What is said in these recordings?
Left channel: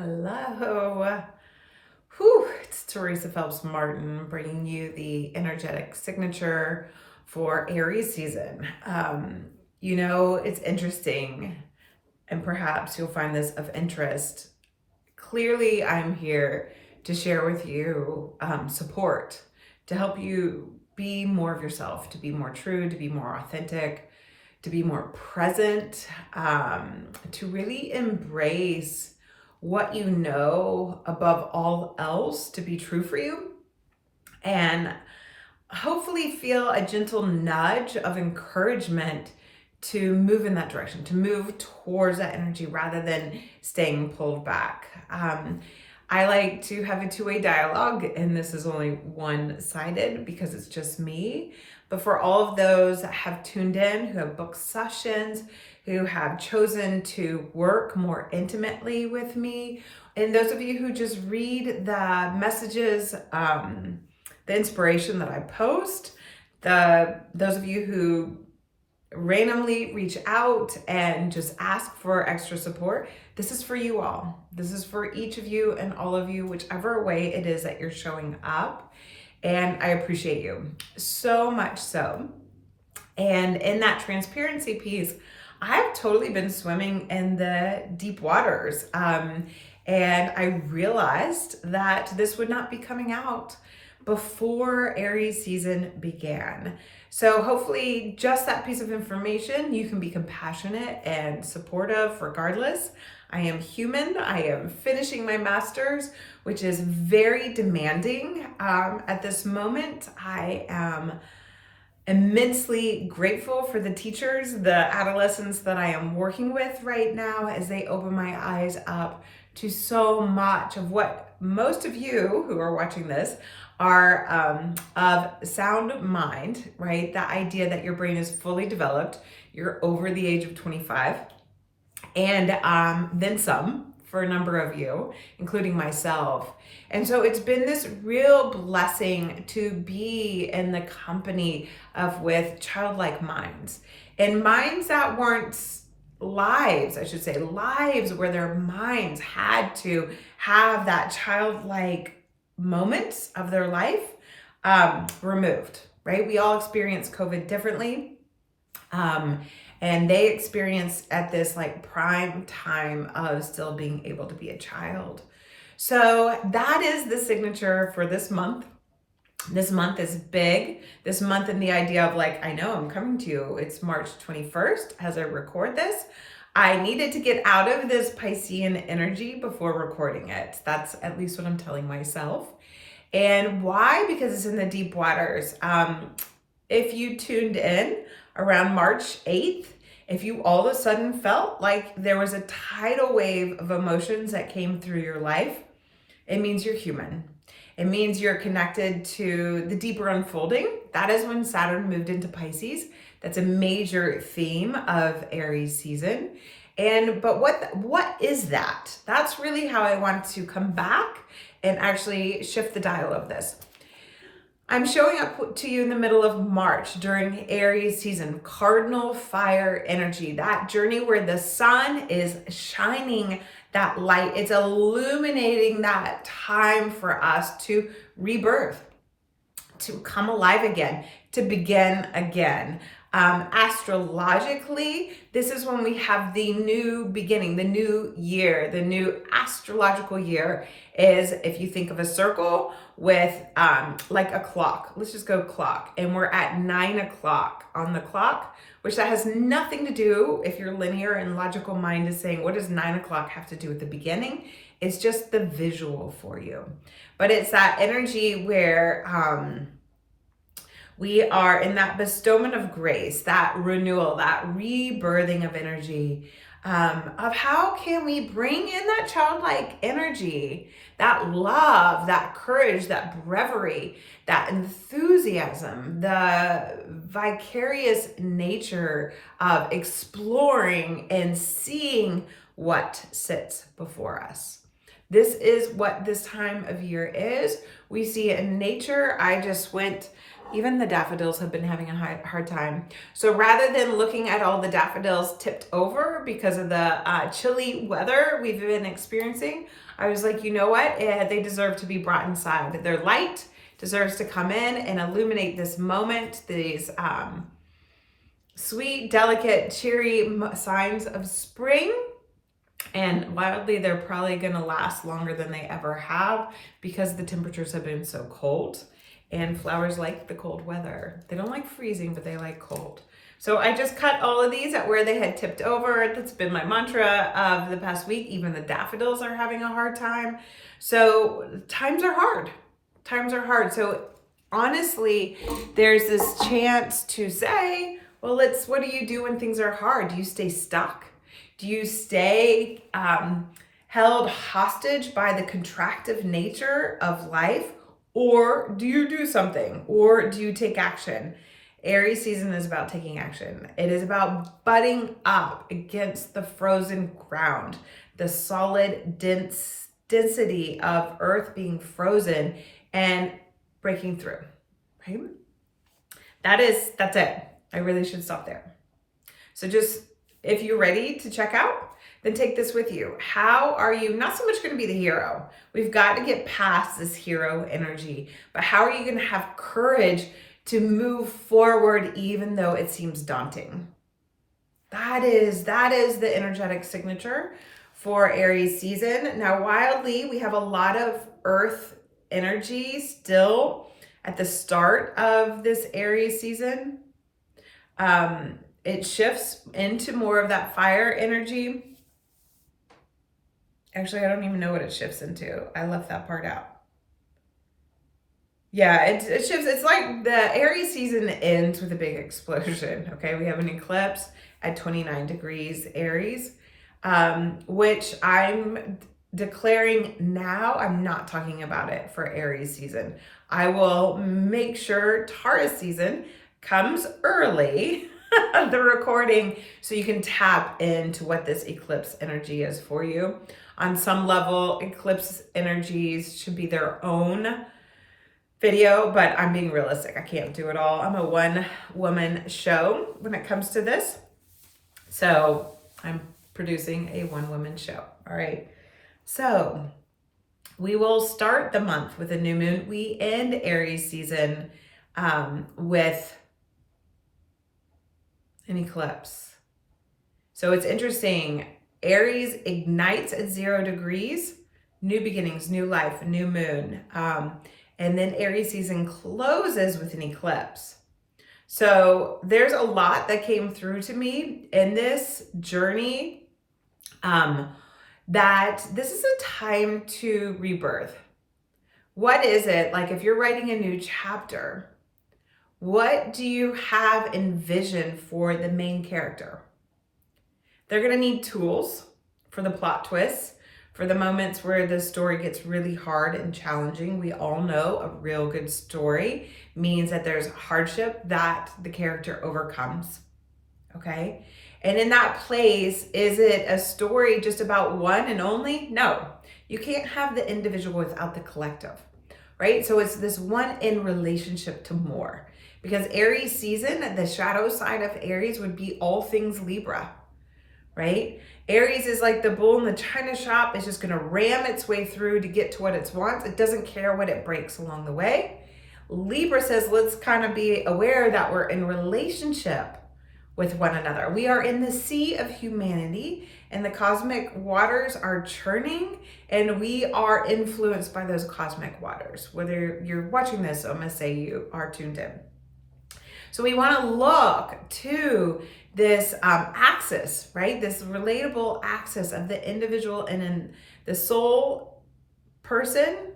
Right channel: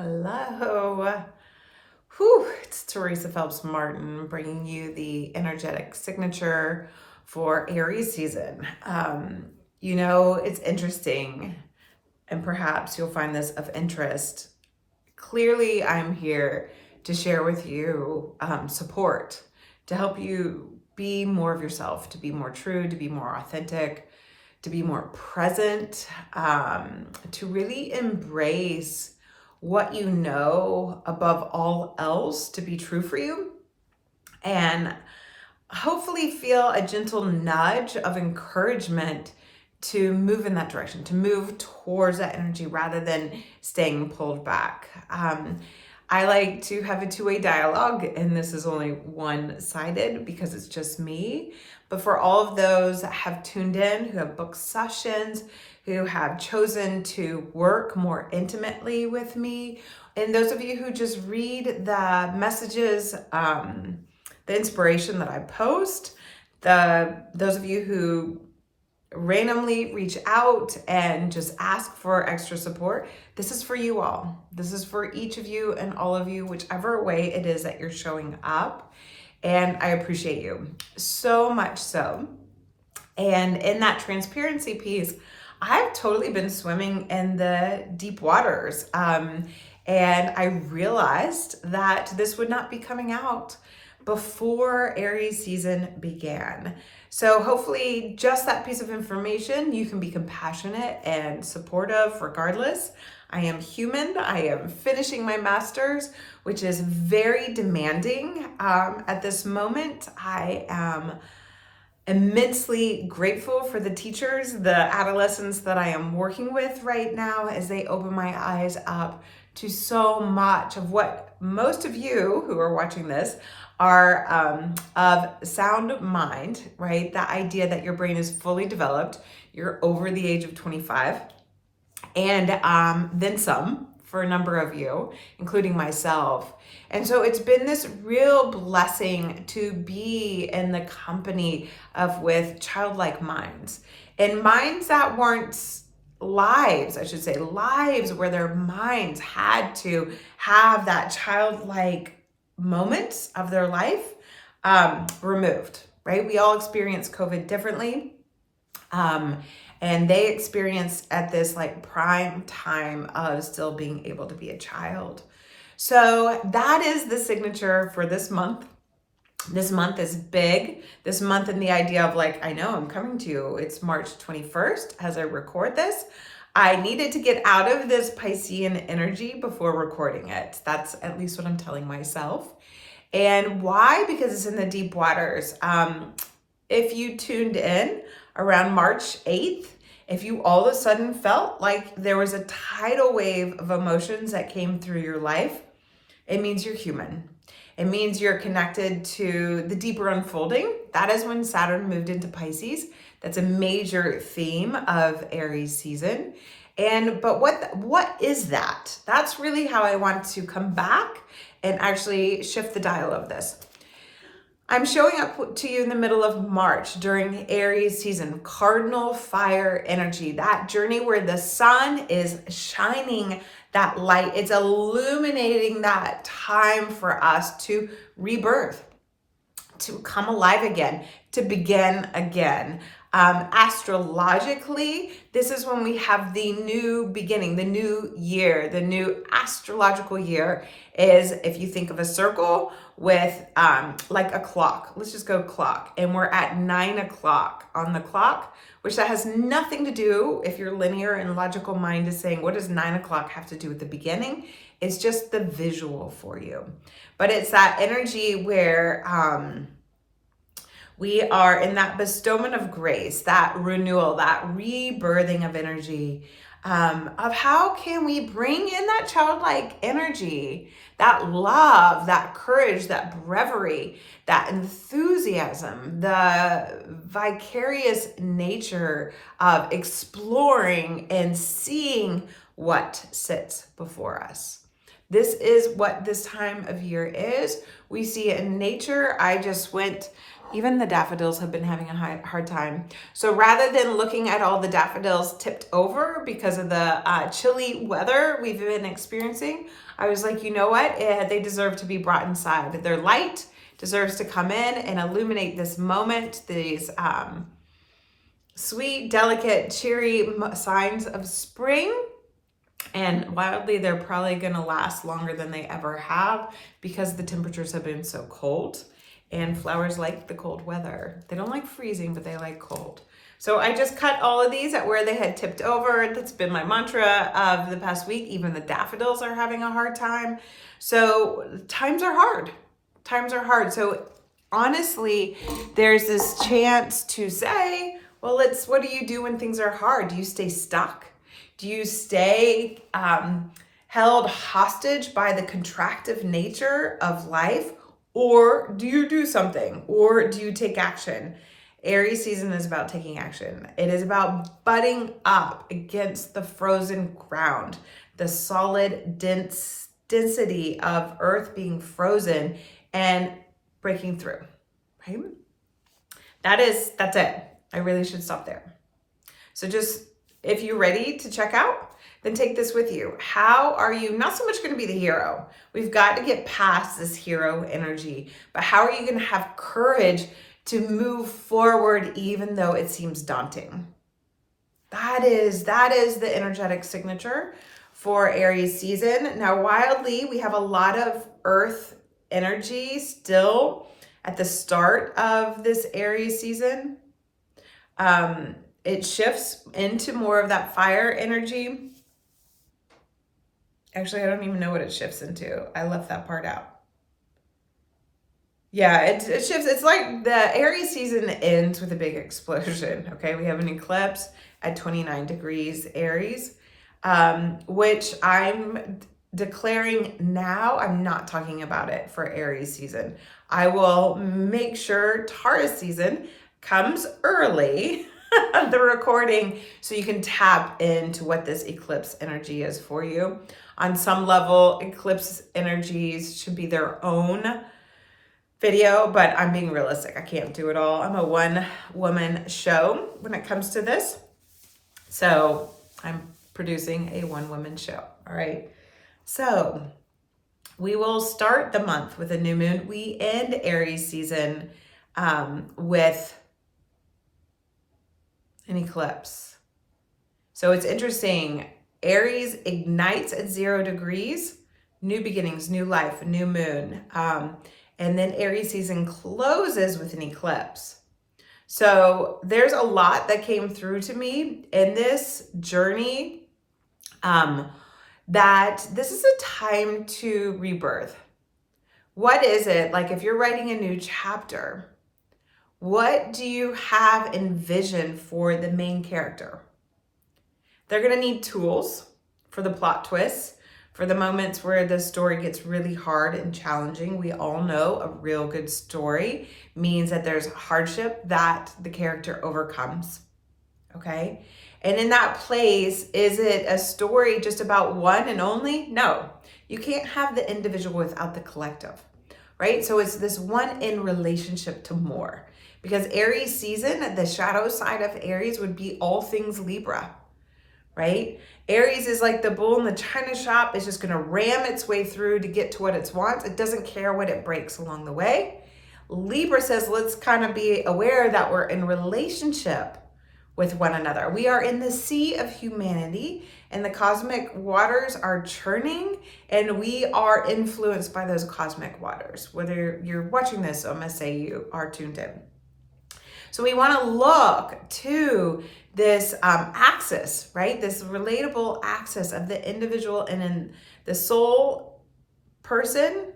Hello. Whew, it's Teresa Phelps Martin bringing you the energetic signature for Aries season. It's interesting, and perhaps you'll find this of interest. Clearly, I'm here to share with you support to help you be more of yourself, to be more true, to be more authentic, to be more present, to really embrace what you know above all else to be true for you, and hopefully feel a gentle nudge of encouragement to move in that direction, to move towards that energy rather than staying pulled back. I like to have a two-way dialogue, and this is only one-sided because it's just me. But for all of those that have tuned in, who have booked sessions, who have chosen to work more intimately with me, and those of you who just read the messages, the inspiration that I post, those of you who randomly reach out and just ask for extra support, this is for you all. This is for each of you and all of you, whichever way it is that you're showing up. And I appreciate you so much so. And in that transparency piece, I've totally been swimming in the deep waters. And I realized that this would not be coming out before Aries season began. So hopefully just that piece of information, you can be compassionate and supportive regardless. I am human. I am finishing my master's, which is very demanding at this moment. I am immensely grateful for the teachers, the adolescents that I am working with right now as they open my eyes up to so much of what most of you who are watching this are of sound mind, right? The idea that your brain is fully developed, you're over the age of 25, and then some for a number of you, including myself. And so it's been this real blessing to be in the company with childlike minds, and minds that weren't lives, I should say, lives where their minds had to have that childlike moments of their life removed, right? We all experience COVID differently. And they experience at this like prime time of still being able to be a child. So that is the signature for this month. This month is big. This month in the idea of like, I know I'm coming to you. It's March 21st as I record this. I needed to get out of this Piscean energy before recording it. That's at least what I'm telling myself. And why? Because it's in the deep waters. If you tuned in around March 8th, if you all of a sudden felt like there was a tidal wave of emotions that came through your life, it means you're human. It means you're connected to the deeper unfolding. That is when Saturn moved into Pisces. That's a major theme of Aries season. But what is that? That's really how I want to come back and actually shift the dial of this. I'm showing up to you in the middle of March during Aries season, cardinal fire energy, that journey where the sun is shining that light. It's illuminating that time for us to rebirth, to come alive again, to begin again. Astrologically, this is when we have the new beginning, the new year. The new astrological year is, if you think of a circle with like a clock, let's just go clock, and we're at 9 o'clock on the clock, which that has nothing to do, if your linear and logical mind is saying, what does 9 o'clock have to do with the beginning? It's just the visual for you. But it's that energy where we are in that bestowment of grace, that renewal, that rebirthing of energy, of how can we bring in that childlike energy, that love, that courage, that bravery, that enthusiasm, the vicarious nature of exploring and seeing what sits before us. This is what this time of year is. We see it in nature. I just went Even the daffodils have been having a hard time. So rather than looking at all the daffodils tipped over because of the chilly weather we've been experiencing, I was like, you know what? They deserve to be brought inside. Their light deserves to come in and illuminate this moment, these sweet, delicate, cheery signs of spring. And wildly, they're probably going to last longer than they ever have because the temperatures have been so cold. And flowers like the cold weather. They don't like freezing, but they like cold. So I just cut all of these at where they had tipped over. That's been my mantra of the past week. Even the daffodils are having a hard time. So times are hard. Times are hard. So honestly, there's this chance to say, well, what do you do when things are hard? Do you stay stuck? Do you stay held hostage by the contractive nature of life? Or do you do something? Or do you take action? Aries season is about taking action. It is about butting up against the frozen ground, the solid density of earth being frozen and breaking through, right? That's it. I really should stop there. So just, if you're ready to check out, then take this with you. How are you not so much going to be the hero? We've got to get past this hero energy, but how are you going to have courage to move forward even though it seems daunting? That is the energetic signature for Aries season. Now, wildly, we have a lot of earth energy still at the start of this Aries season. It shifts into more of that fire energy. Actually, I don't even know what it shifts into. I left that part out. Yeah, it shifts. It's like the Aries season ends with a big explosion. Okay, we have an eclipse at 29 degrees Aries, which I'm declaring now. I'm not talking about it for Aries season. I will make sure Taurus season comes early, the recording, so you can tap into what this eclipse energy is for you. On some level, eclipse energies should be their own video, but I'm being realistic. I can't do it all. I'm a one-woman show when it comes to this. So I'm producing a one-woman show, all right? So we will start the month with a new moon. We end Aries season with an eclipse. So it's interesting. Aries ignites at 0 degrees, new beginnings, new life, new moon. And then Aries season closes with an eclipse. So there's a lot that came through to me in this journey, that this is a time to rebirth. What is it? Like if you're writing a new chapter, what do you have envisioned for the main character? They're going to need tools for the plot twists, for the moments where the story gets really hard and challenging. We all know a real good story means that there's hardship that the character overcomes, okay? And in that place, is it a story just about one and only? No, you can't have the individual without the collective, right? So it's this one in relationship to more. Because Aries season, the shadow side of Aries would be all things Libra, right? Aries is like the bull in the china shop. It's just going to ram its way through to get to what it wants. It doesn't care what it breaks along the way. Libra says, let's kind of be aware that we're in relationship with one another. We are in the sea of humanity and the cosmic waters are churning and we are influenced by those cosmic waters. Whether you're watching this, I'm going to say you are tuned in. So we want to look to this axis, right? This relatable axis of the individual and in the soul person,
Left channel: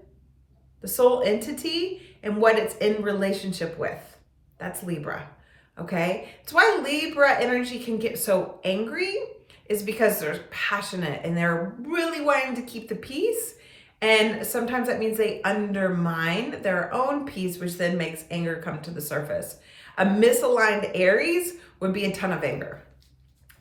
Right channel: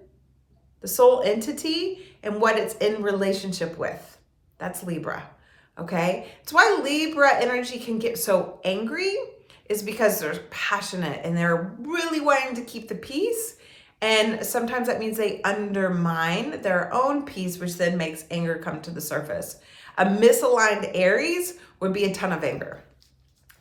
the soul entity, and what it's in relationship with. That's Libra, okay? It's why Libra energy can get so angry is because they're passionate and they're really wanting to keep the peace. And sometimes that means they undermine their own peace, which then makes anger come to the surface. A misaligned Aries would be a ton of anger,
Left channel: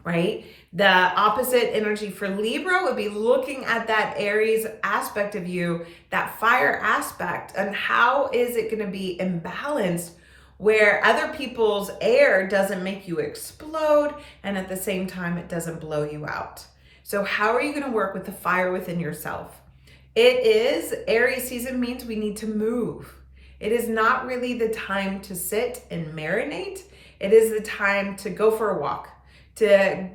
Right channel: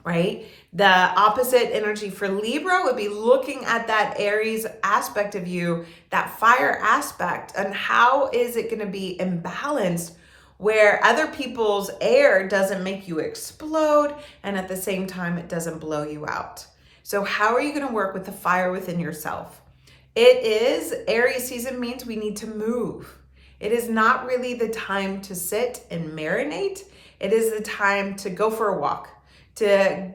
right? The opposite energy for Libra would be looking at that Aries aspect of you, that fire aspect, and how is it going to be imbalanced where other people's air doesn't make you explode, and at the same time, it doesn't blow you out. So how are you going to work with the fire within yourself? Aries season means we need to move. It is not really the time to sit and marinate. It is the time to go for a walk, to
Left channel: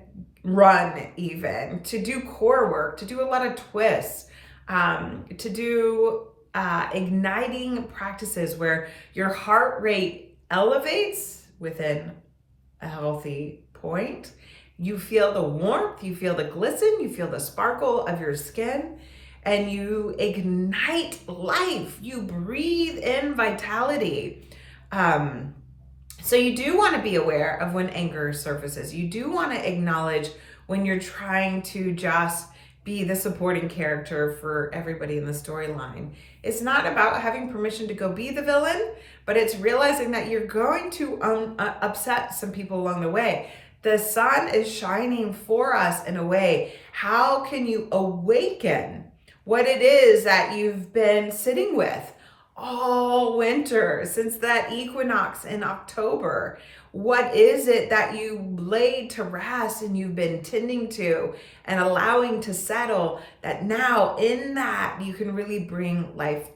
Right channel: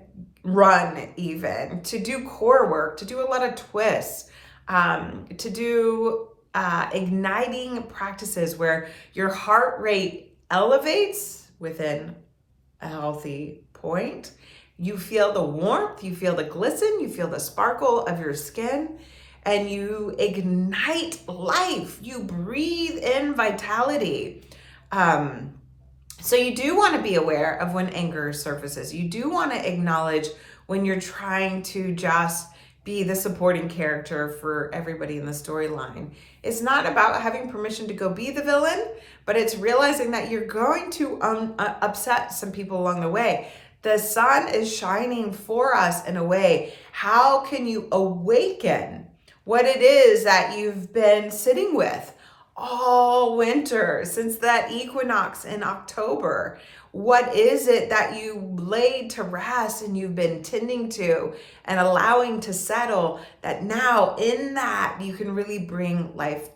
run even, to do core work, to do a lot of twists, to do igniting practices where your heart rate elevates within a healthy point. You feel the warmth, you feel the glisten, you feel the sparkle of your skin, and you ignite life. You breathe in vitality. So you do want to be aware of when anger surfaces. You do want to acknowledge when you're trying to just be the supporting character for everybody in the storyline. It's not about having permission to go be the villain, but it's realizing that you're going to upset some people along the way. The sun is shining for us in a way. How can you awaken what it is that you've been sitting with all winter since that equinox in October? What is it that you laid to rest and you've been tending to and allowing to settle, that now in that you can really bring life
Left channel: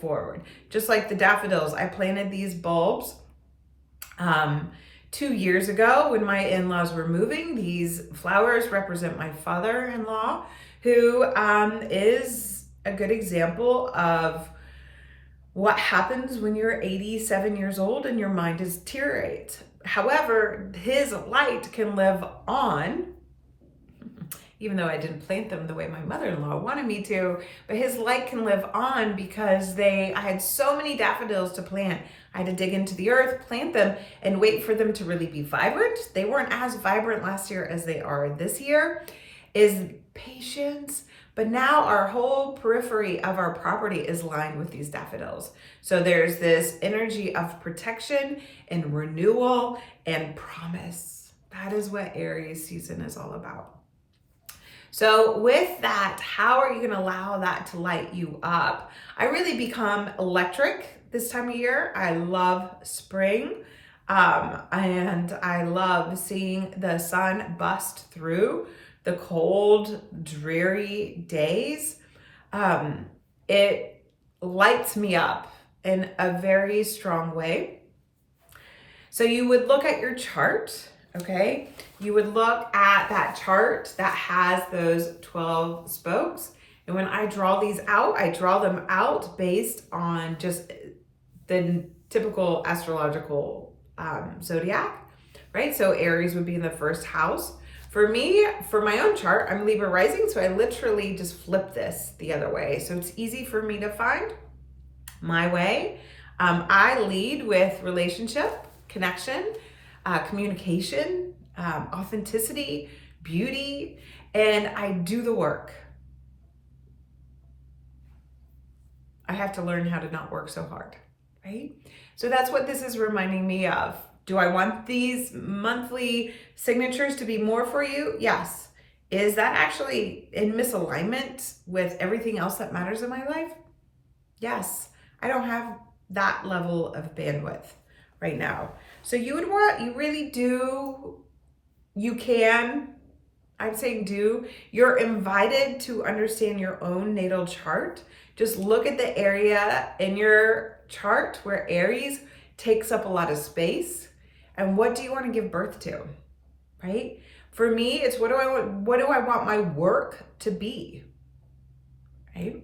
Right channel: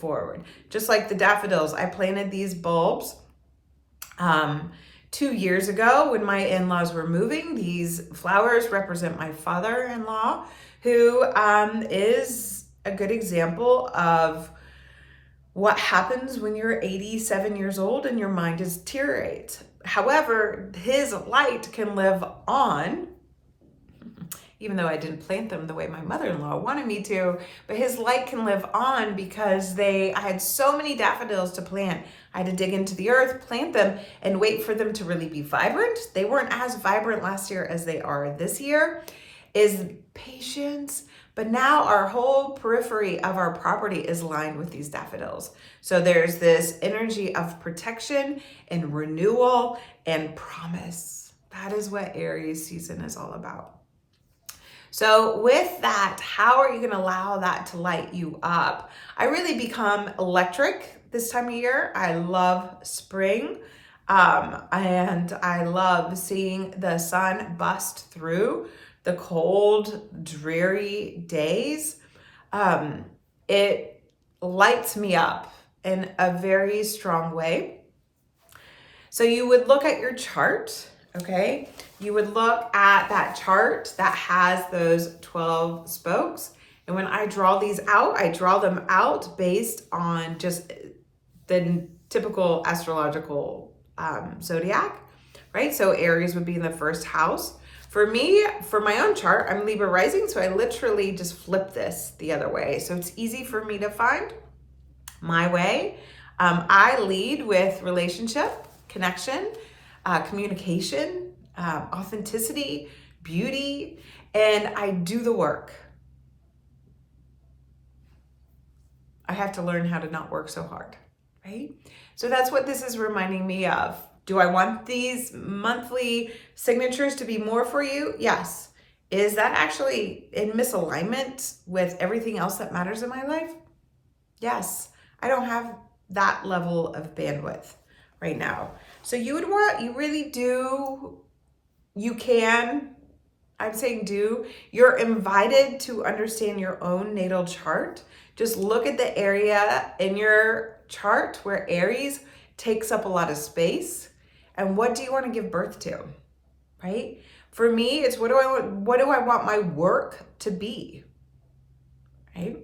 forward? Just like the daffodils, I planted these bulbs 2 years ago when my in-laws were moving. These flowers represent my father-in-law, who is a good example of what happens when you're 87 years old and your mind is deteriorates. However, his light can live on, even though I didn't plant them the way my mother-in-law wanted me to, but his light can live on because I had so many daffodils to plant. I had to dig into the earth, plant them, and wait for them to really be vibrant. They weren't as vibrant last year as they are this year. Is patience. But now our whole periphery of our property is lined with these daffodils. So there's this energy of protection and renewal and promise. That is what Aries season is all about. So with that, how are you going to allow that to light you up? I really become electric this time of year. I love spring. And I love seeing the sun bust through the cold, dreary days. It lights me up in a very strong way. So you would look at your chart, okay? You would look at that chart that has those 12 spokes. And when I draw these out, I draw them out based on just the typical astrological zodiac, right? So Aries would be in the first house. For me, for my own chart, I'm Libra rising, so I literally just flip this the other way. So it's easy for me to find my way. I lead with relationship, connection, communication, authenticity, beauty, and I do the work. I have to learn how to not work so hard, right? So that's what this is reminding me of. Do I want these monthly signatures to be more for you? Yes. Is that actually in misalignment with everything else that matters in my life? Yes. I don't have that level of bandwidth right now. So you really do, you can, I'm saying do, you're invited to understand your own natal chart. Just look at the area in your chart where Aries takes up a lot of space. And what do you want to give birth to, right? For me, it's what do I want my work to be, right?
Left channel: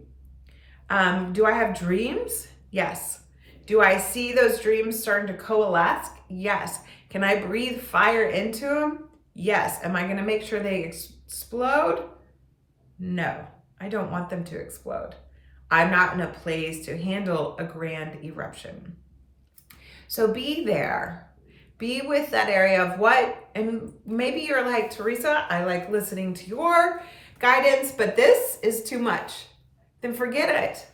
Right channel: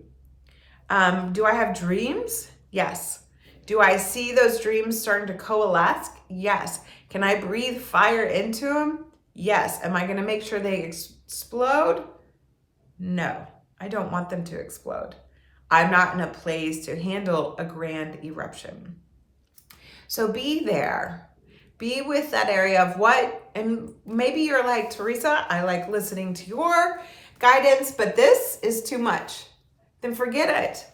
Do I have dreams? Yes. Do I see those dreams starting to coalesce? Yes. Can I breathe fire into them? Yes. Am I going to make sure they explode? No, I don't want them to explode. I'm not in a place to handle a grand eruption. So be there. Be with that area of what, and maybe you're like, Teresa, I like listening to your guidance, but this is too much. Then forget it.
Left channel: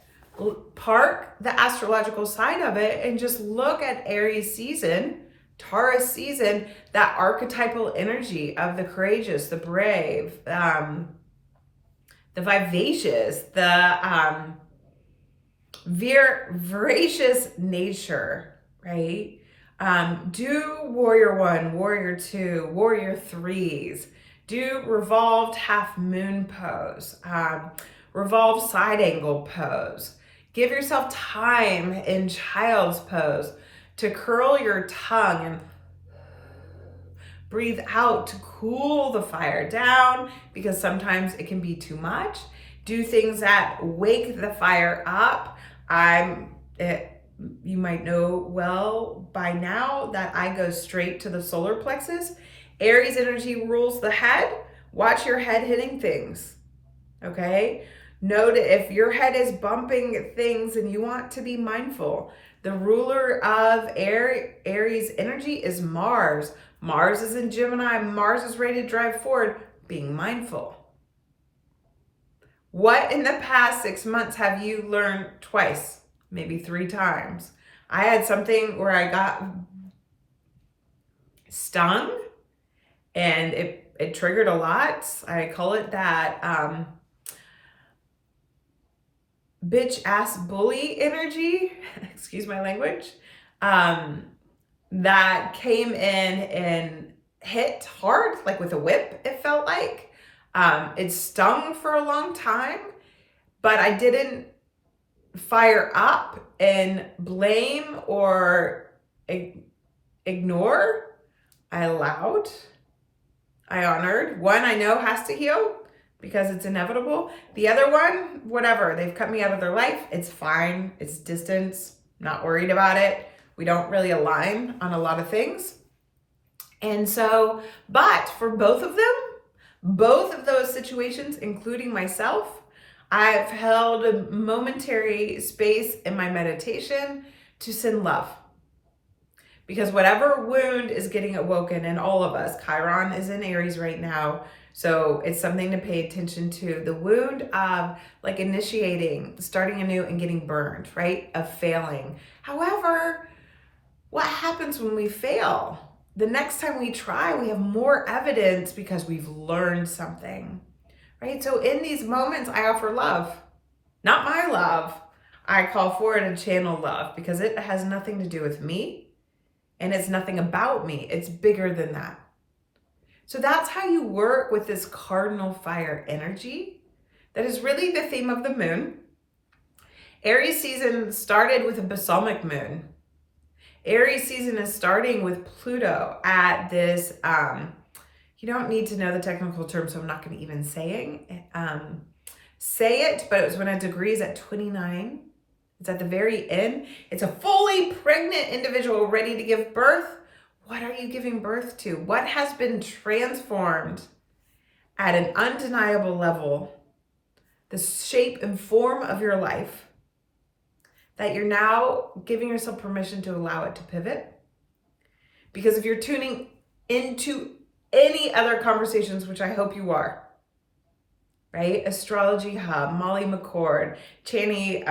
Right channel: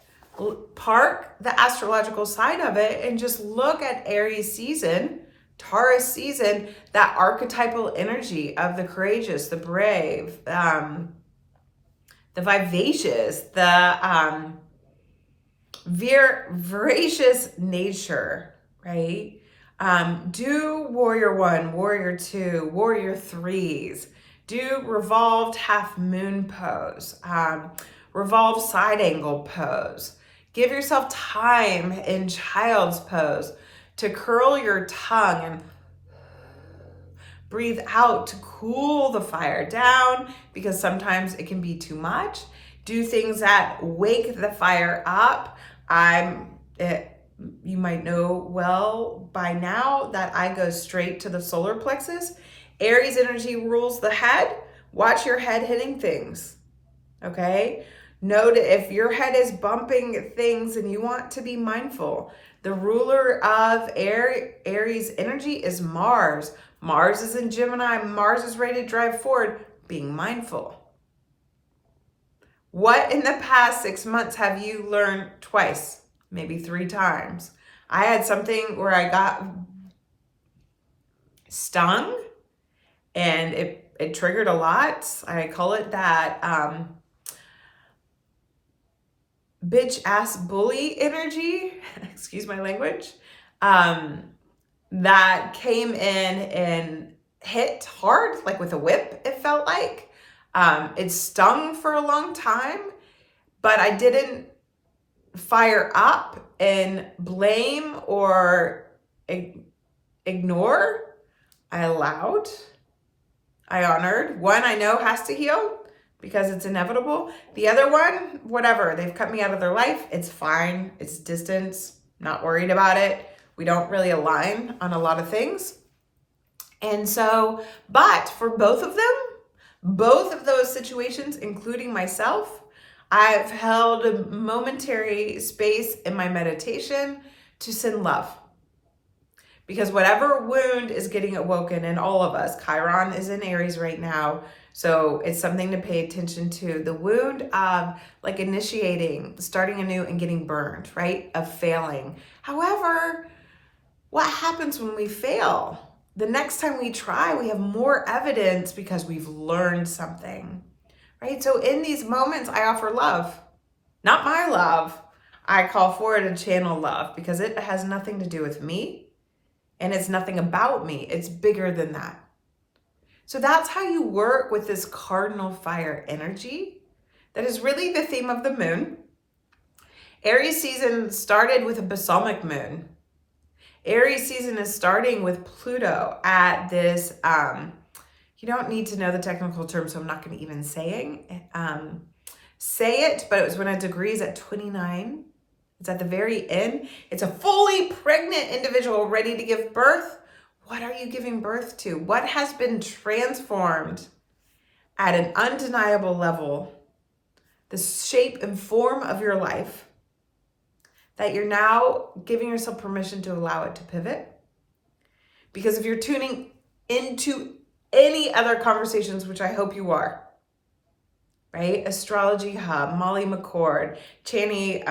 Park the astrological side of it and just look at Aries season, Taurus season, that archetypal energy of the courageous, the brave, the vivacious, the voracious nature, right? Do warrior one, warrior two, warrior threes. Do revolved half moon pose, revolved side angle pose. Give yourself time in child's pose to curl your tongue and breathe out to cool the fire down, because sometimes it can be too much. Do things that wake the fire up. You might know well by now that I go straight to the solar plexus. Aries energy rules the head. Watch your head hitting things, okay? Note if your head is bumping things and you want to be mindful. The ruler of Aries energy is Mars. Mars is in Gemini. Mars is ready to drive forward. Being mindful. What in the past 6 months have you learned twice, maybe 3 times? I had something where I got stung and it triggered a lot. I call it that bitch ass bully energy, excuse my language, that came in and hit hard, like with a whip, it felt like. It stung for a long time, but I didn't fire up and blame or ignore. I allowed, I honored. One I know has to heal because it's inevitable. The other one, whatever, they've cut me out of their life. It's fine, it's distance, not worried about it. We don't really align on a lot of things. And so, but for both of them, both of those situations, including myself, I've held a momentary space in my meditation to send love. Because whatever wound is getting awoken in all of us, Chiron is in Aries right now, so it's something to pay attention to. The wound of like initiating, starting anew and getting burned, right? Of failing. However, what happens when we fail? The next time we try, we have more evidence because we've learned something, right? So in these moments, I offer love, not my love. I call forward and channel love because it has nothing to do with me and it's nothing about me. It's bigger than that. So that's how you work with this cardinal fire energy. That is really the theme of the moon. Aries season started with a balsamic moon. Aries season is starting with Pluto at this, you don't need to know the technical term, so I'm not going to even say it, but it was when a degree is at 29. It's at the very end. It's a fully pregnant individual ready to give birth. What are you giving birth to? What has been transformed at an undeniable level? The shape and form of your life, that you're now giving yourself permission to allow it to pivot. Because if you're tuning into any other conversations, which I hope you are, right? Astrology Hub, Molly McCord, Chani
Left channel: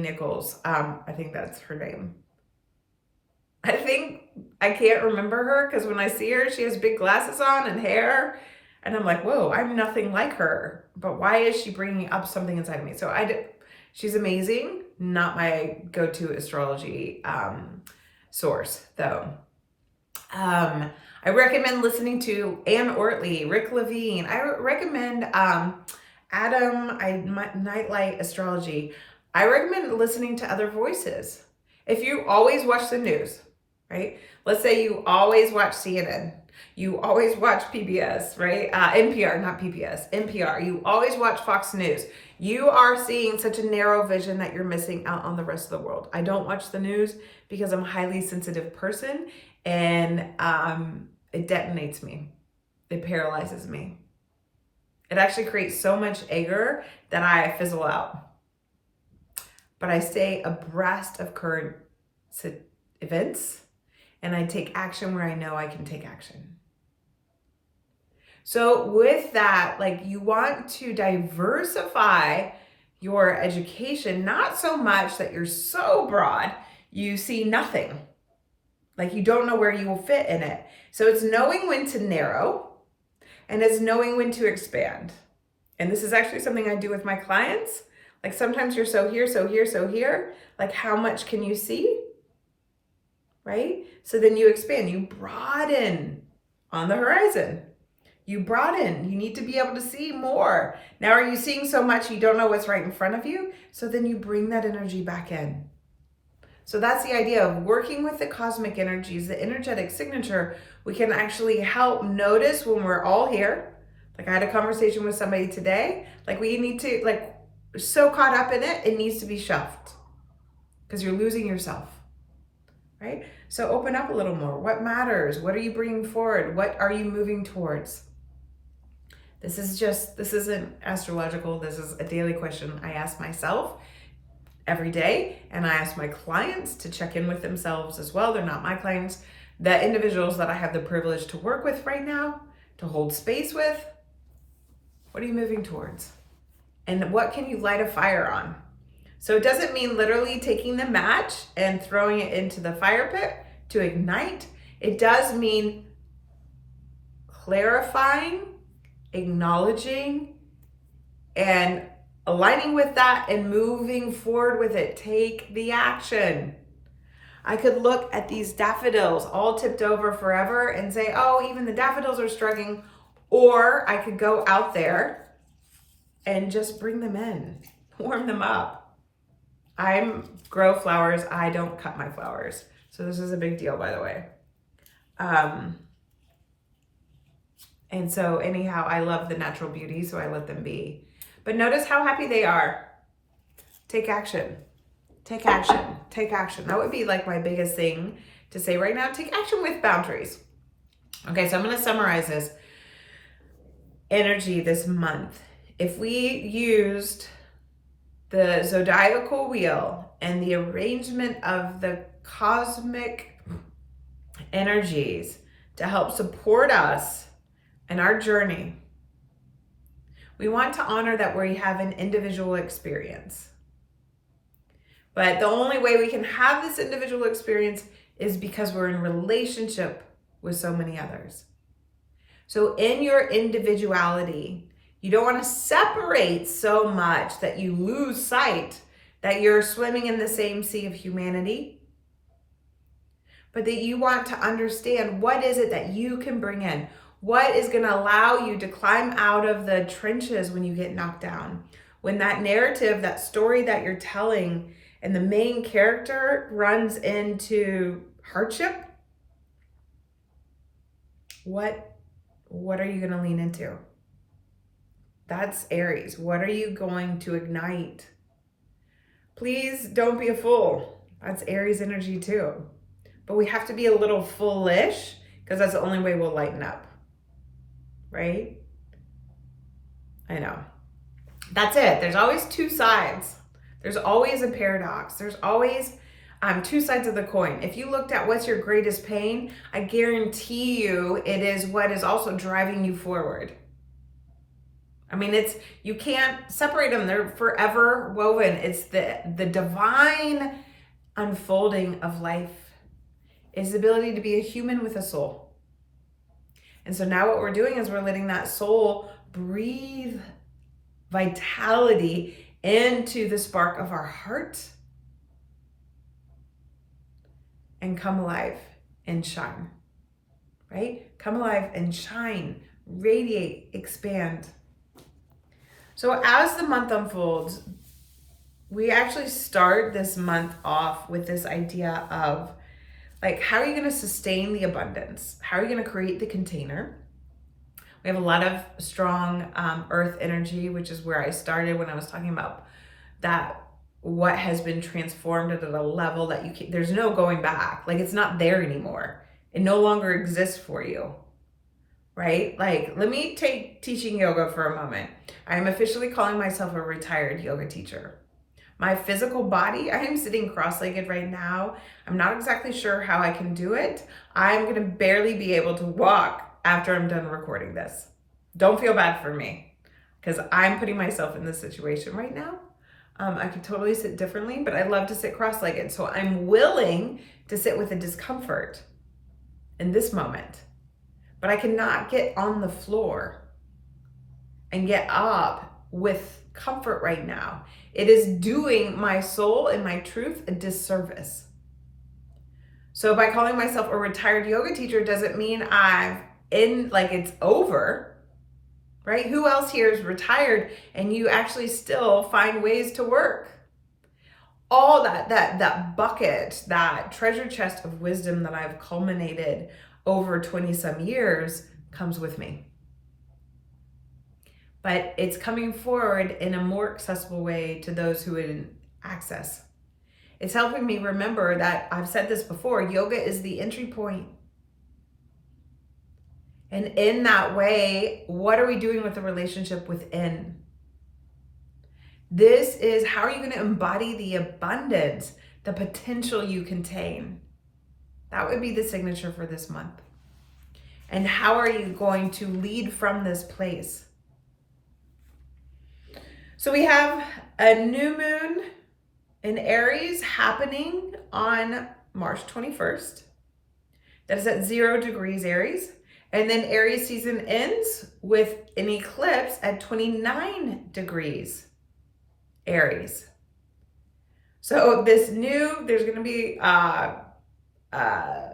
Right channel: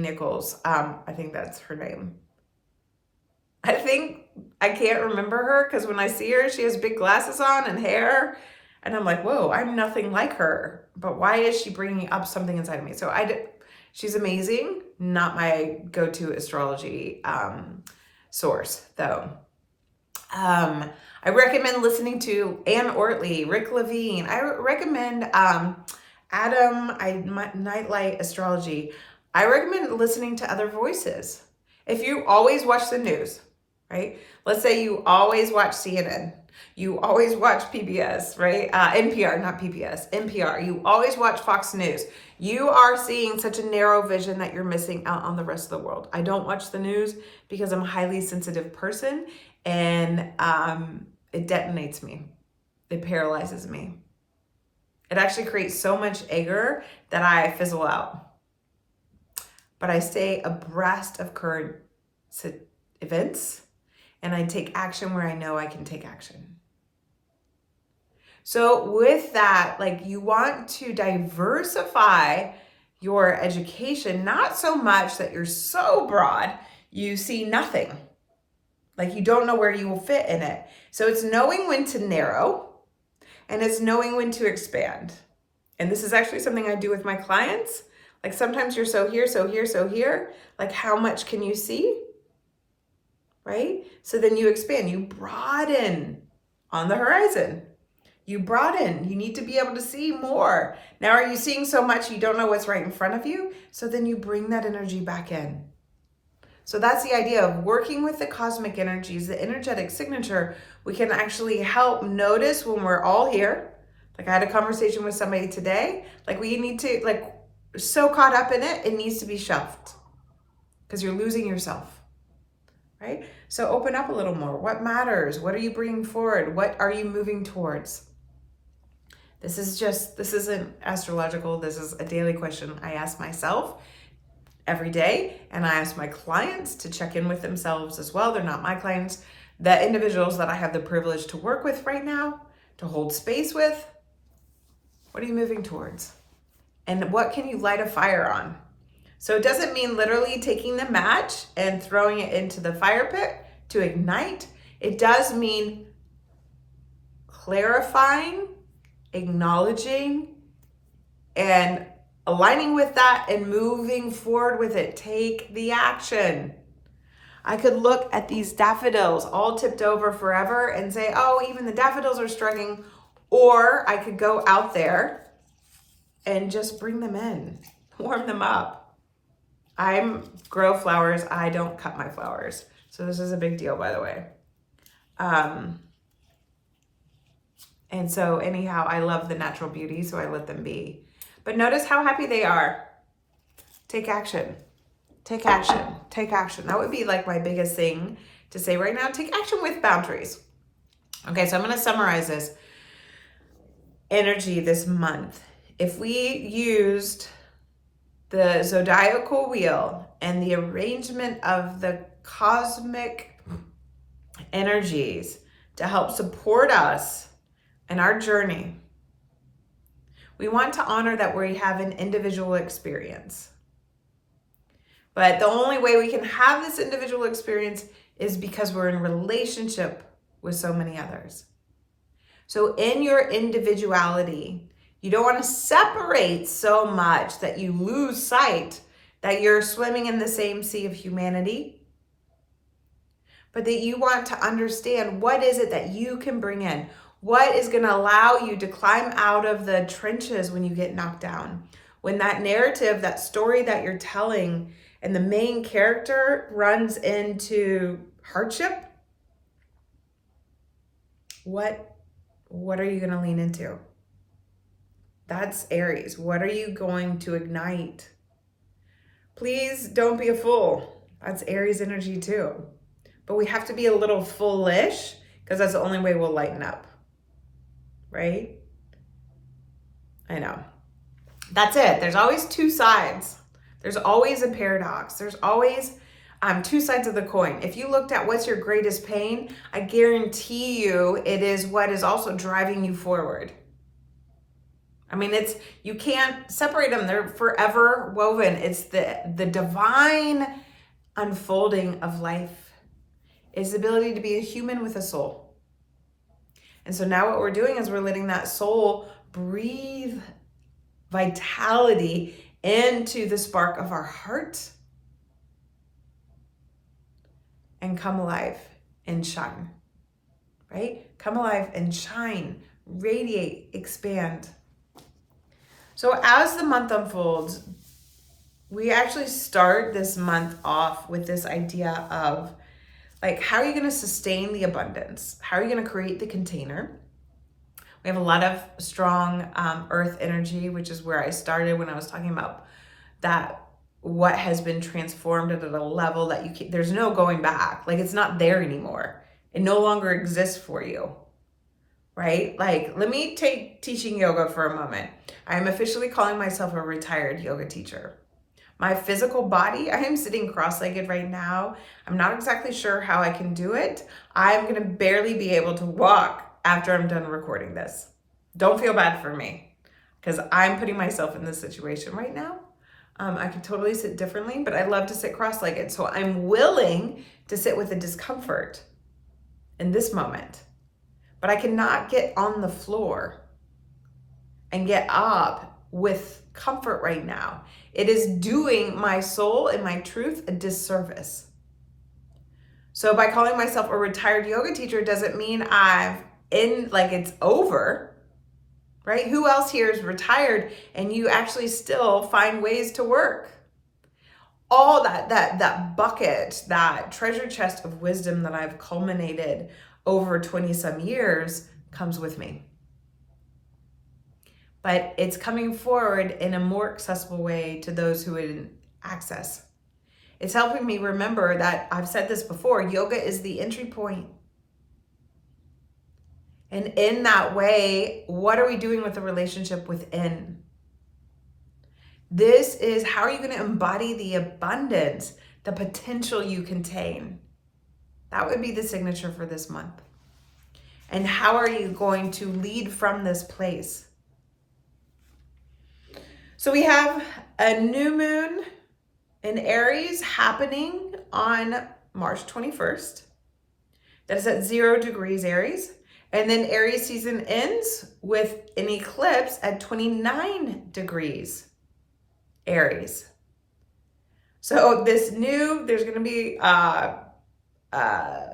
Nichols, I think that's her name. I can't remember her because when I see her, she has big glasses on and hair. And I'm like, whoa, I'm nothing like her. But why is she bringing up something inside of me? So she's amazing. Not my go-to astrology source, though. I recommend listening to Ann Ortley, Rick Levine. I recommend Nightlight Astrology. I recommend listening to other voices. If you always watch the news, right? Let's say you always watch CNN. You always watch PBS, right? NPR, not PBS, NPR. You always watch Fox News. You are seeing such a narrow vision that you're missing out on the rest of the world. I don't watch the news because I'm a highly sensitive person, and it detonates me. It paralyzes me. It actually creates so much anger that I fizzle out. But I stay abreast of current events, and I take action where I know I can take action. So with that, like, you want to diversify your education, not so much that you're so broad, you see nothing. Like, you don't know where you will fit in it. So it's knowing when to narrow, and it's knowing when to expand. And this is actually something I do with my clients. Like sometimes you're so here, so here, so here. Like how much can you see? Right? So then you expand, you broaden on the horizon. You broaden, you need to be able to see more. Now, are you seeing so much you don't know what's right in front of you? So then you bring that energy back in. So that's the idea of working with the cosmic energies, the energetic signature. We can actually help notice when we're all here. Like I had a conversation with somebody today, like we need to, like, so caught up in it, it needs to be shelved because you're losing yourself, right? So open up a little more. What matters? What are you bringing forward? What are you moving towards? This isn't astrological. This is a daily question I ask myself every day. And I ask my clients to check in with themselves as well. They're not my clients. The individuals that I have the privilege to work with right now, to hold space with, what are you moving towards? And what can you light a fire on? So it doesn't mean literally taking the match and throwing it into the fire pit to ignite. It does mean clarifying, acknowledging, and aligning with that and moving forward with it. Take the action. I could look at these daffodils all tipped over forever and say, oh, even the daffodils are struggling. Or I could go out there and just bring them in, warm them up. I grow flowers. I don't cut my flowers. So this is a big deal, by the way. And so anyhow, I love the natural beauty, so I let them be. But notice how happy they are. Take action. Take action. Take action. That would be like my biggest thing to say right now. Take action with boundaries. Okay, so I'm going to summarize this energy this month. If we used the zodiacal wheel and the arrangement of the cosmic energies to help support us in our journey, we want to honor that we have an individual experience. But the only way we can have this individual experience is because we're in relationship with so many others. So in your individuality, you don't want to separate so much that you lose sight that you're swimming in the same sea of humanity, but that you want to understand what is it that you can bring in. What is going to allow you to climb out of the trenches when you get knocked down? When that narrative, that story that you're telling, and the main character runs into hardship, what are you going to lean into? That's Aries. What are you going to ignite? Please don't be a fool. That's Aries energy too. But we have to be a little foolish because that's the only way we'll lighten up. Right? I know. That's it. There's always two sides. There's always a paradox. There's always two sides of the coin. If you looked at what's your greatest pain, I guarantee you it is what is also driving you forward. I mean, you can't separate them. They're forever woven. It's the divine unfolding of life. It's the ability to be a human with a soul. And so now what we're doing is we're letting that soul breathe vitality into the spark of our heart and come alive and shine, right? Come alive and shine, radiate, expand. So as the month unfolds, we actually start this month off with this idea of like, how are you going to sustain the abundance? How are you going to create the container? We have a lot of strong earth energy, which is where I started when I was talking about that, what has been transformed at a level that there's no going back. Like, it's not there anymore. It no longer exists for you, right? Like, let me take teaching yoga for a moment. I am officially calling myself a retired yoga teacher. My physical body, I am sitting cross-legged right now. I'm not exactly sure how I can do it. I'm going to barely be able to walk after I'm done recording this. Don't feel bad for me because I'm putting myself in this situation right now. I could totally sit differently, but I love to sit cross-legged. So I'm willing to sit with the discomfort in this moment, but I cannot get on the floor and get up with comfort right now. It is doing my soul and my truth a disservice. So by calling myself a retired yoga teacher doesn't mean it's over, right? Who else here is retired and you actually still find ways to work? All that bucket, that treasure chest of wisdom that I've culminated over 20 some years comes with me. But it's coming forward in a more accessible way to those who wouldn't access. It's helping me remember that I've said this before, yoga is the entry point. And in that way, what are we doing with the relationship within? This is how are you going to embody the abundance, the potential you contain? That would be the signature for this month. And how are you going to lead from this place? So we have a new moon in Aries happening on March 21st. That is at 0 degrees Aries. And then Aries season ends with an eclipse at 29 degrees Aries. So there's going to be a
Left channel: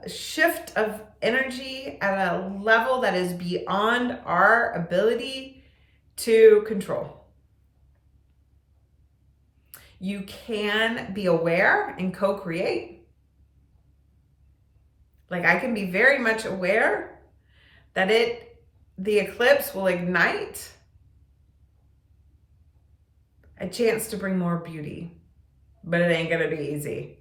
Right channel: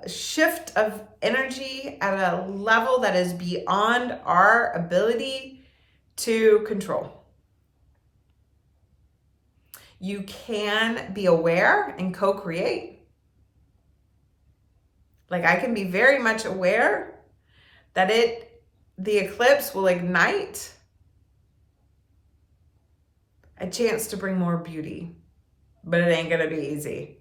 shift of energy at a level that is beyond our ability to control. You can be aware and co-create. Like I can be very much aware that the eclipse will ignite a chance to bring more beauty, but it ain't gonna be easy.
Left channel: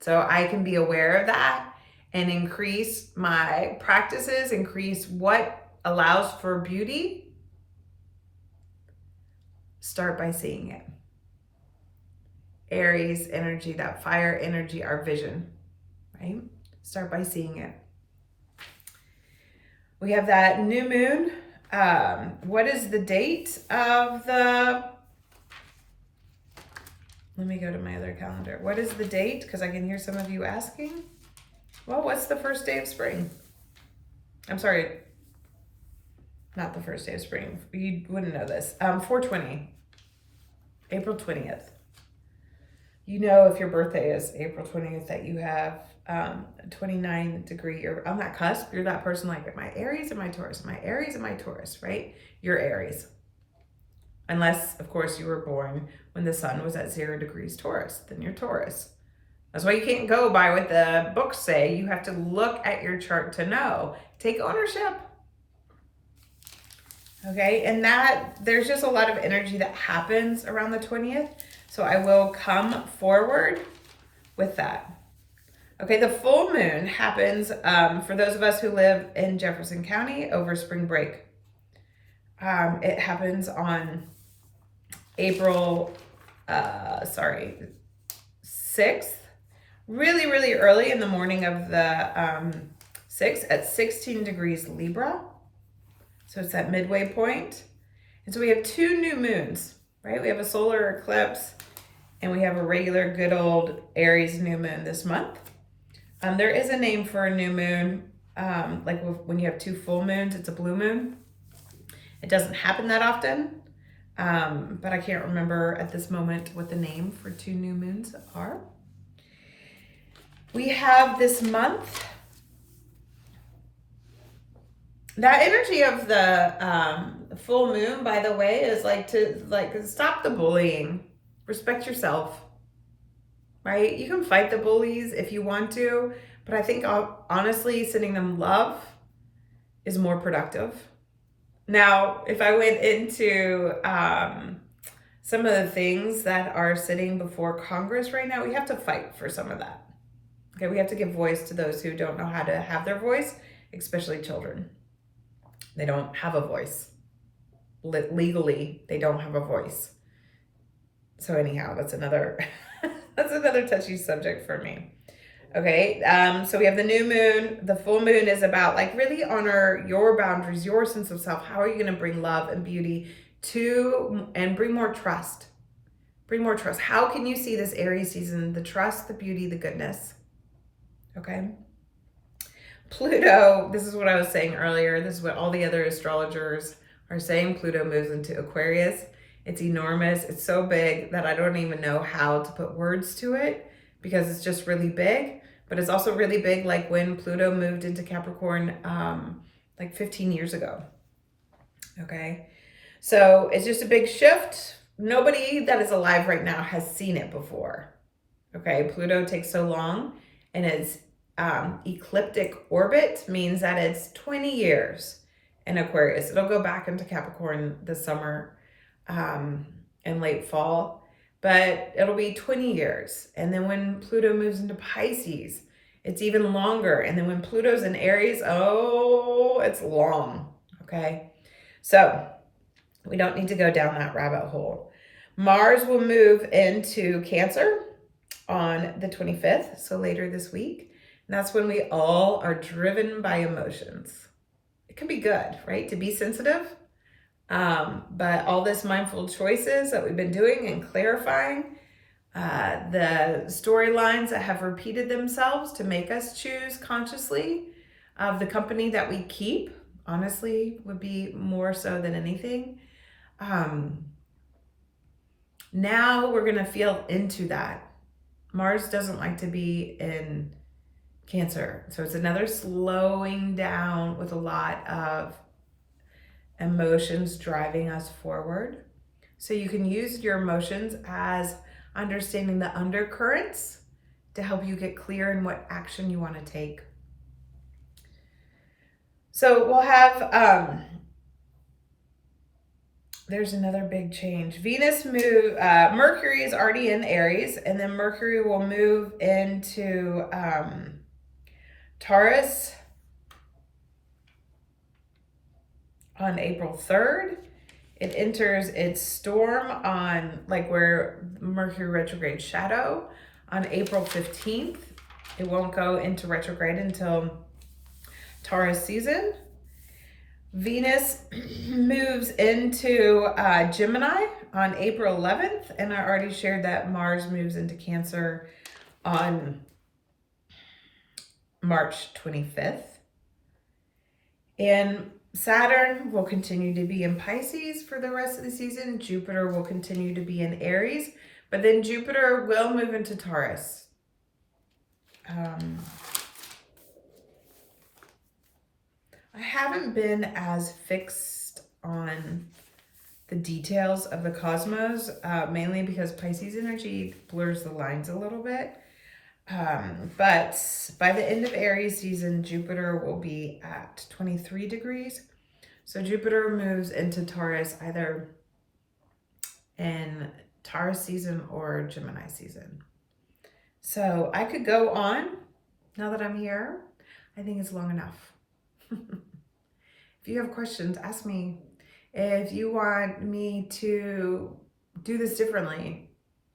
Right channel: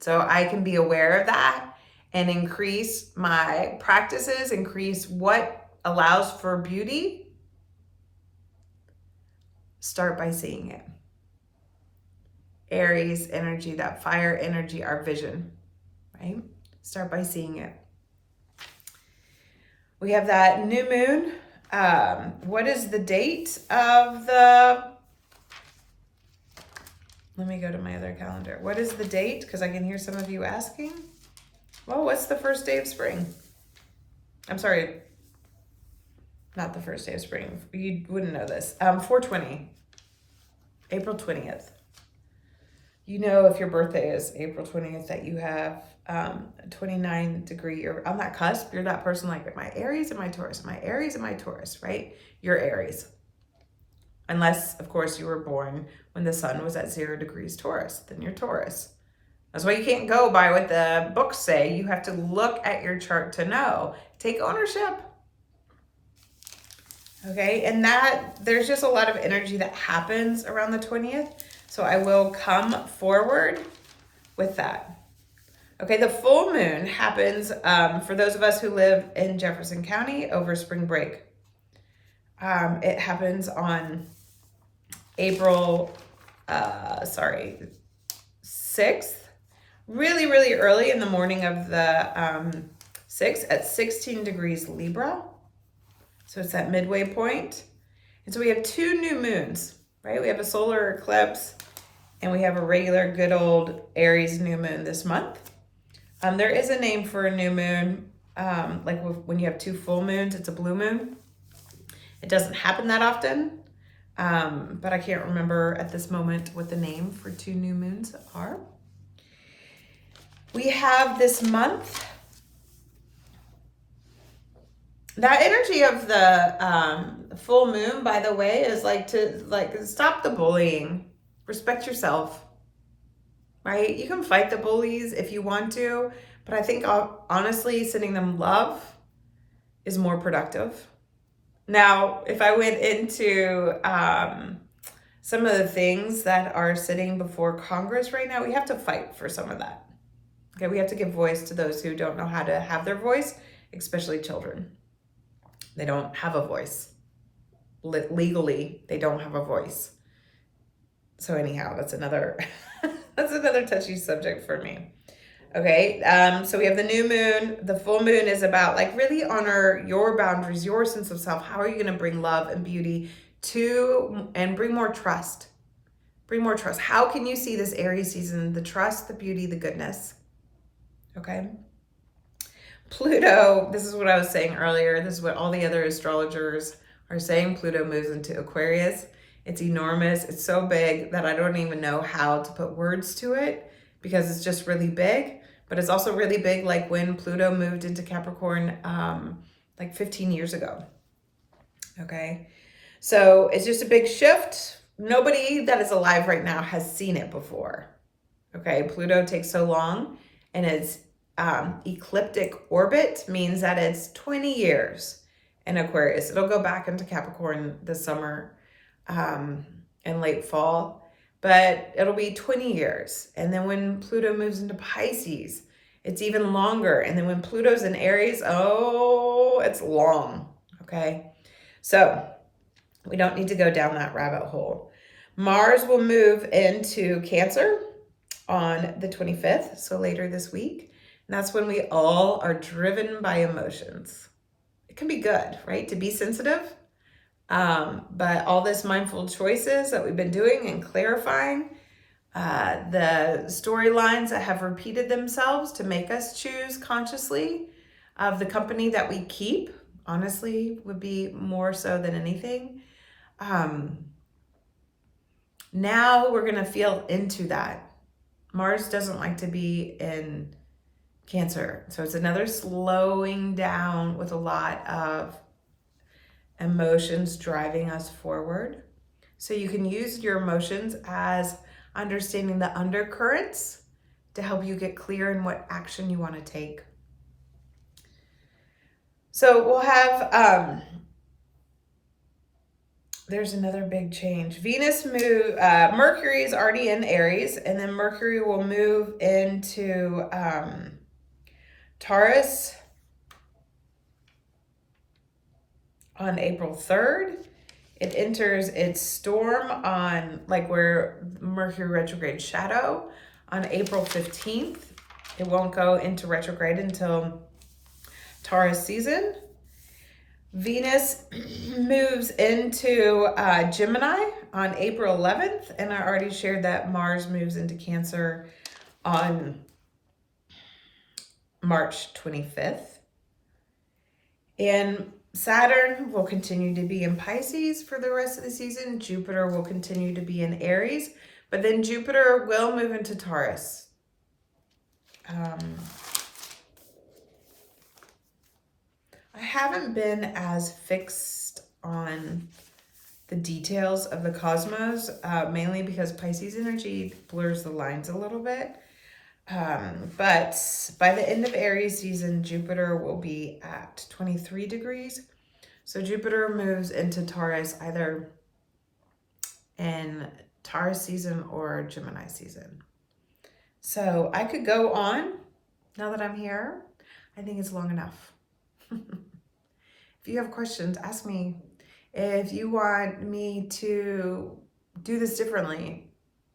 So I can be aware of that and increase my practices, increase what allows for beauty. Start by seeing it. Aries energy, that fire energy, our vision, right? Start by seeing it. We have that new moon. What is the date of the... Let me go to my other calendar. What is the date? Because I can hear some of you asking. Well, what's the first day of spring? I'm sorry, not the first day of spring. You wouldn't know this. 4/20, April 20th. You know, if your birthday is April 20th, that you have 29 degree, you're on that cusp. You're that person like, am I Aries, am I Taurus? Am I Aries, am I Taurus, right? You're Aries. Unless, of course, you were born when the sun was at 0 degrees Taurus, then you're Taurus. That's why you can't go by what the books say. You have to look at your chart to know. Take ownership. Okay, and that there's just a lot of energy that happens around the 20th. So I will come forward with that. Okay, the full moon happens for those of us who live in Jefferson County over spring break. It happens on April 6th, really, really early in the morning of the 6th at 16 degrees Libra. So it's that midway point. And so we have two new moons, right? We have a solar eclipse and we have a regular good old Aries new moon this month. There is a name for a new moon, like when you have two full moons, it's a blue moon. It doesn't happen that often, but I can't remember at this moment what the name for two new moons are. We have this month, that energy of the full moon, by the way, is to stop the bullying, respect yourself, right? You can fight the bullies if you want to, but I think honestly, sending them love is more productive. Now, if I went into some of the things that are sitting before Congress right now, we have to fight for some of that. Okay, we have to give voice to those who don't know how to have their voice, especially children. They don't have a voice. Legally, they don't have a voice. So anyhow, that's another that's another touchy subject for me. Okay, so we have the new moon. The full moon is about really honor your boundaries, your sense of self. How are you going to bring love and beauty and bring more trust? Bring more trust. How can you see this Aries season, the trust, the beauty, the goodness? Okay. Pluto, this is what I was saying earlier. This is what all the other astrologers are saying. Pluto moves into Aquarius It's enormous. It's so big that I don't even know how to put words to it because it's just really big. But it's also really big, like when Pluto moved into Capricorn like 15 years ago. Okay. So it's just a big shift. Nobody that is alive right now has seen it before. Okay. Pluto takes so long, and its ecliptic orbit means that it's 20 years in Aquarius. It'll go back into Capricorn this summer and late fall, but it'll be 20 years. And then when Pluto moves into Pisces, it's even longer. And then when Pluto's in Aries, oh, it's long. Okay. So we don't need to go down that rabbit hole. Mars will move into Cancer on the 25th, so later this week. And that's when we all are driven by emotions. It can be good, right? To be sensitive. But all this mindful choices that we've been doing and clarifying, the storylines that have repeated themselves to make us choose consciously of the company that we keep, honestly, would be more so than anything. Now we're going to feel into that. Mars doesn't like to be in Cancer. So it's another slowing down with a lot of emotions driving us forward. So you can use your emotions as understanding the undercurrents to help you get clear in what action you want to take. So we'll have, there's another big change. Mercury is already in Aries, and then Mercury will move into Taurus on April 3rd. It enters its storm on where Mercury retrograde shadow on April 15th. It won't go into retrograde until Taurus season. Venus moves into Gemini on April 11th. And I already shared that Mars moves into Cancer on March 25th. And Saturn will continue to be in Pisces for the rest of the season. Jupiter will continue to be in Aries, but then Jupiter will move into Taurus. I haven't been as fixed on the details of the cosmos, mainly because Pisces energy blurs the lines a little bit. But by the end of Aries season, Jupiter will be at 23 degrees. So Jupiter moves into Taurus either in Taurus season or Gemini season. So I could go on now that I'm here. I think it's long enough. If you have questions, ask me. If you want me to do this differently,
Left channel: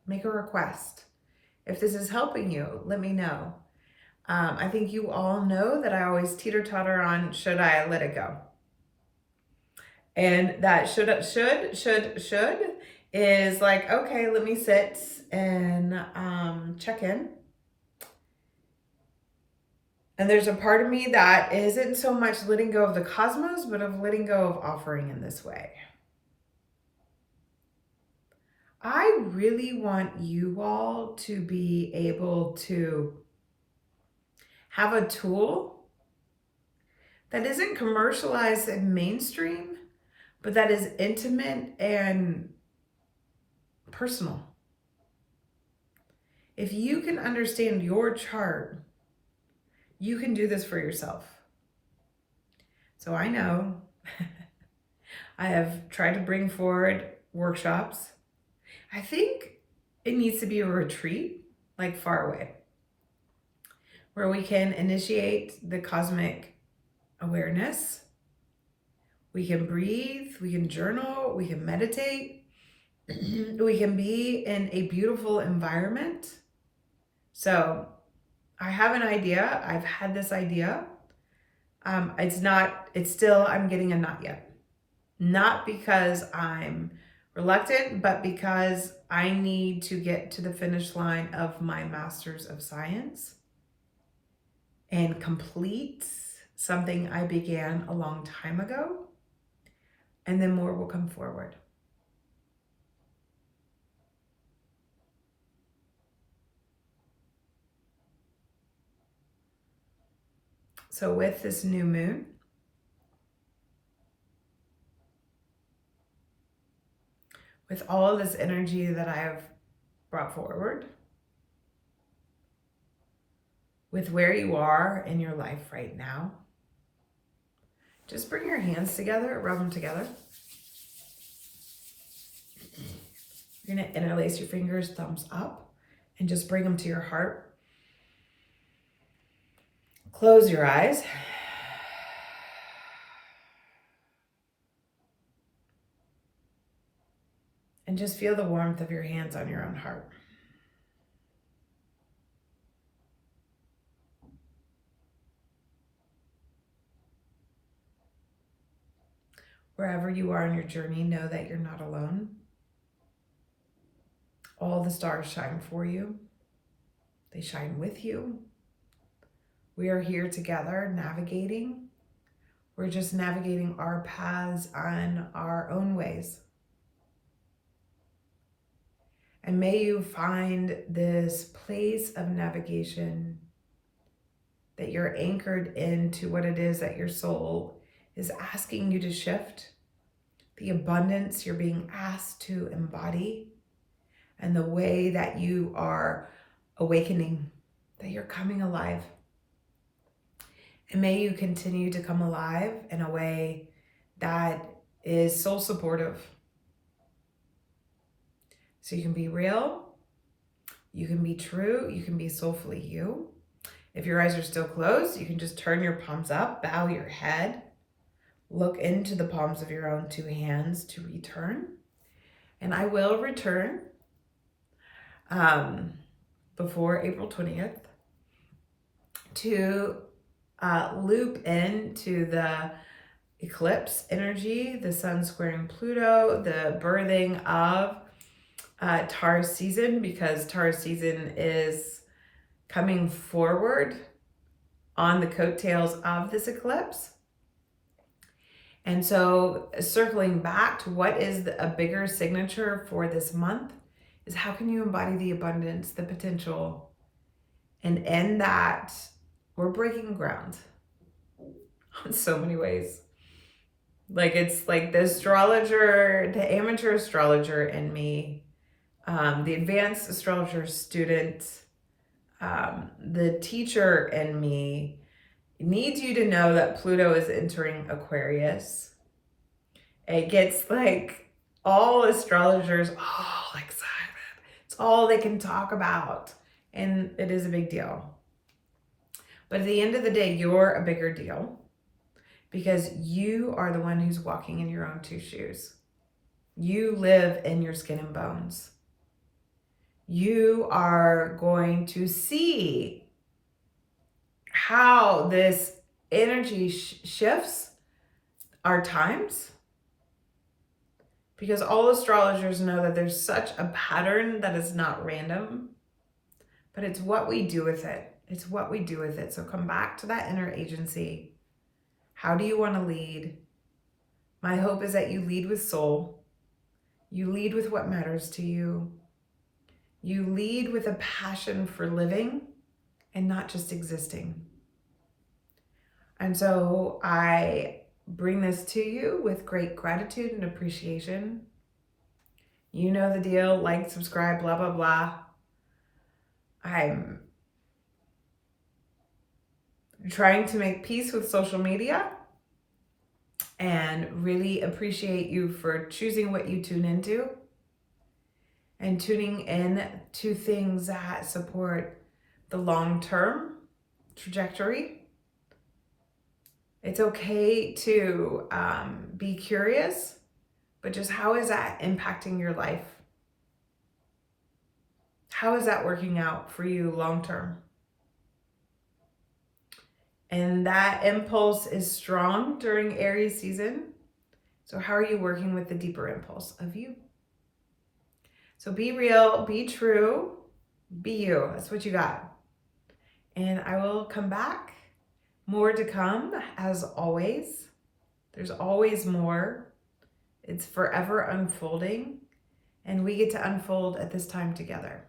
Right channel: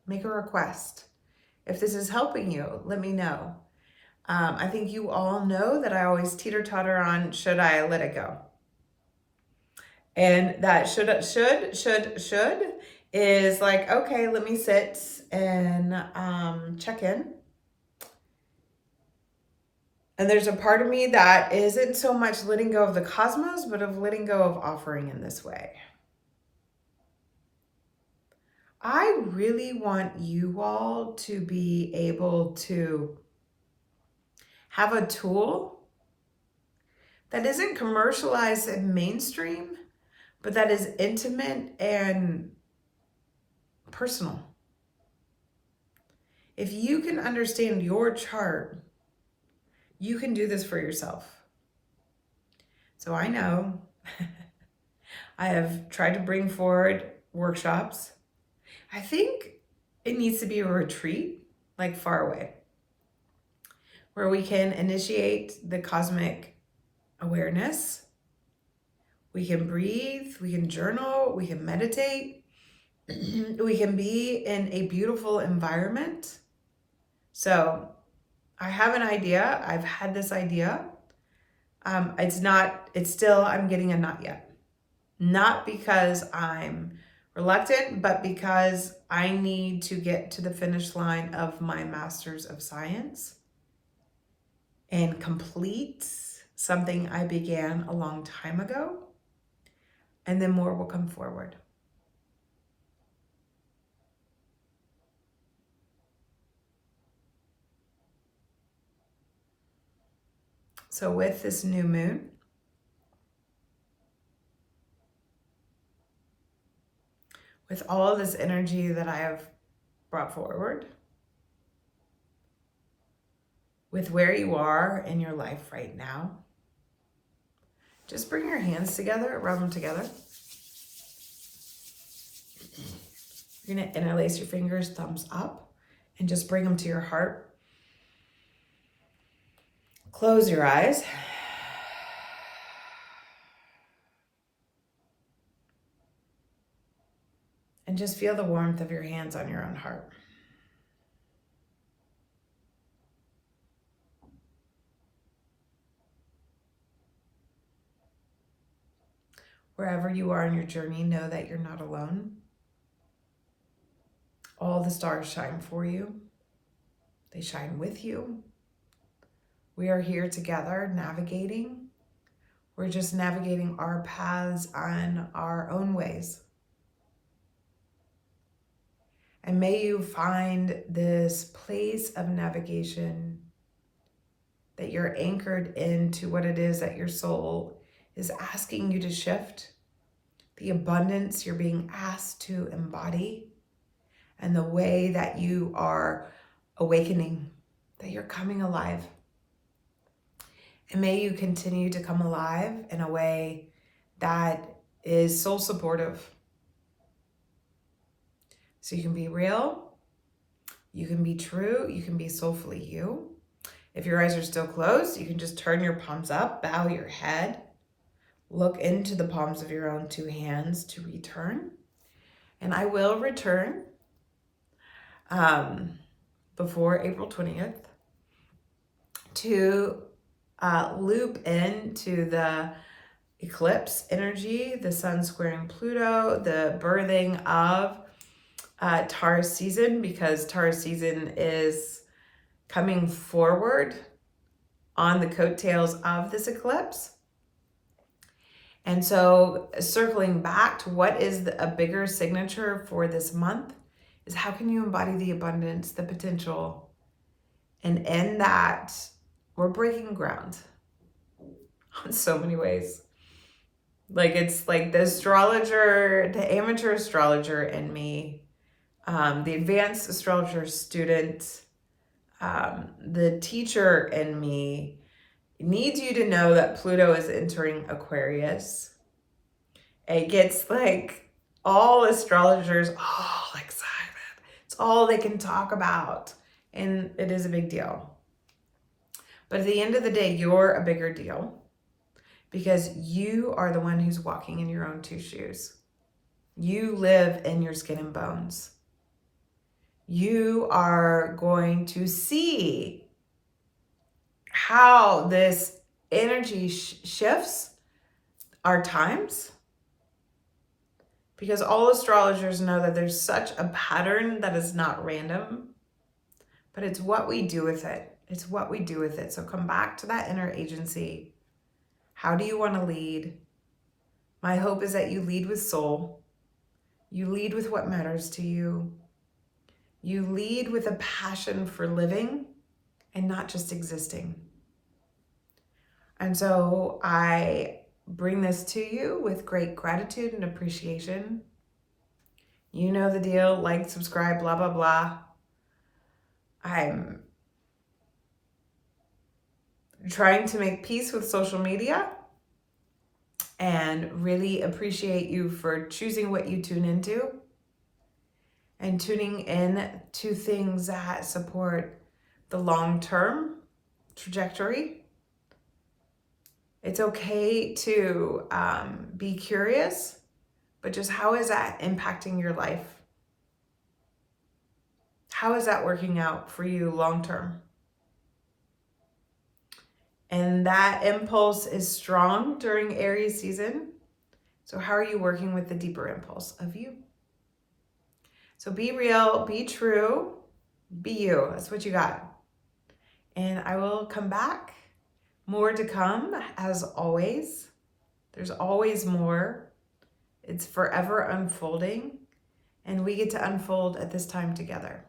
make a request. If this is helping you, let me know. I think you all know that I always teeter-totter on, should I let it go? And that should is like, okay, let me sit and check in. And there's a part of me that isn't so much letting go of the cosmos, but of letting go of offering in this way. I really want you all to be able to have a tool that isn't commercialized and mainstream, but that is intimate and personal. If you can understand your chart, you can do this for yourself. So I know I have tried to bring forward workshops. I think it needs to be a retreat, like far away, where we can initiate the cosmic awareness. We can breathe, we can journal, we can meditate, we can be in a beautiful environment. So I have an idea. I've had this idea. It's still, I'm getting a not yet. Not because I'm reluctant, but because I need to get to the finish line of my Master's of Science and complete something I began a long time ago. And then more will come forward. So with this new moon, with all of this energy that I have brought forward, with where you are in your life right now, just bring your hands together, rub them together. You're going to interlace your fingers, thumbs up, and just bring them to your heart. Close your eyes. And just feel the warmth of your hands on your own heart. Wherever you are in your journey, know that you're not alone. All the stars shine for you. They shine with you. We are here together navigating. We're just navigating our paths on our own ways. And may you find this place of navigation that you're anchored into what it is that your soul is asking you to shift, the abundance you're being asked to embody, and the way that you are awakening, that you're coming alive. And may you continue to come alive in a way that is soul supportive. So you can be real, you can be true, you can be soulfully you. If your eyes are still closed, you can just turn your palms up, bow your head, look into the palms of your own two hands to return. And I will return before April 20th to loop into the eclipse energy, the sun squaring Pluto, the birthing of Taurus season, because Taurus season is coming forward on the coattails of this eclipse. And so circling back to what is a bigger signature for this month is how can you embody the abundance, the potential, and in that we're breaking ground in so many ways. Like it's like the astrologer, the amateur astrologer in me, the advanced astrologer student, the teacher in me needs you to know that Pluto is entering Aquarius. It gets like all astrologers all excited. It's all they can talk about. And it is a big deal. But at the end of the day, you're a bigger deal because you are the one who's walking in your own two shoes. You live in your skin and bones. You are going to see how this energy shifts our times, because all astrologers know that there's such a pattern that is not random, but it's what we do with it. It's what we do with it. So come back to that inner agency. How do you want to lead? My hope is that you lead with soul. You lead with what matters to you. You lead with a passion for living and not just existing. And so I bring this to you with great gratitude and appreciation. You know the deal, like, subscribe, blah, blah, blah. I'm trying to make peace with social media and really appreciate you for choosing what you tune into and tuning in to things that support the long-term trajectory. It's okay to be curious, but just how is that impacting your life? How is that working out for you long-term? And that impulse is strong during Aries season. So how are you working with the deeper impulse of you? So be real, be true, be you. That's what you got. And I will come back. More to come, as always. There's always more. It's forever unfolding. And we get to unfold at this time together.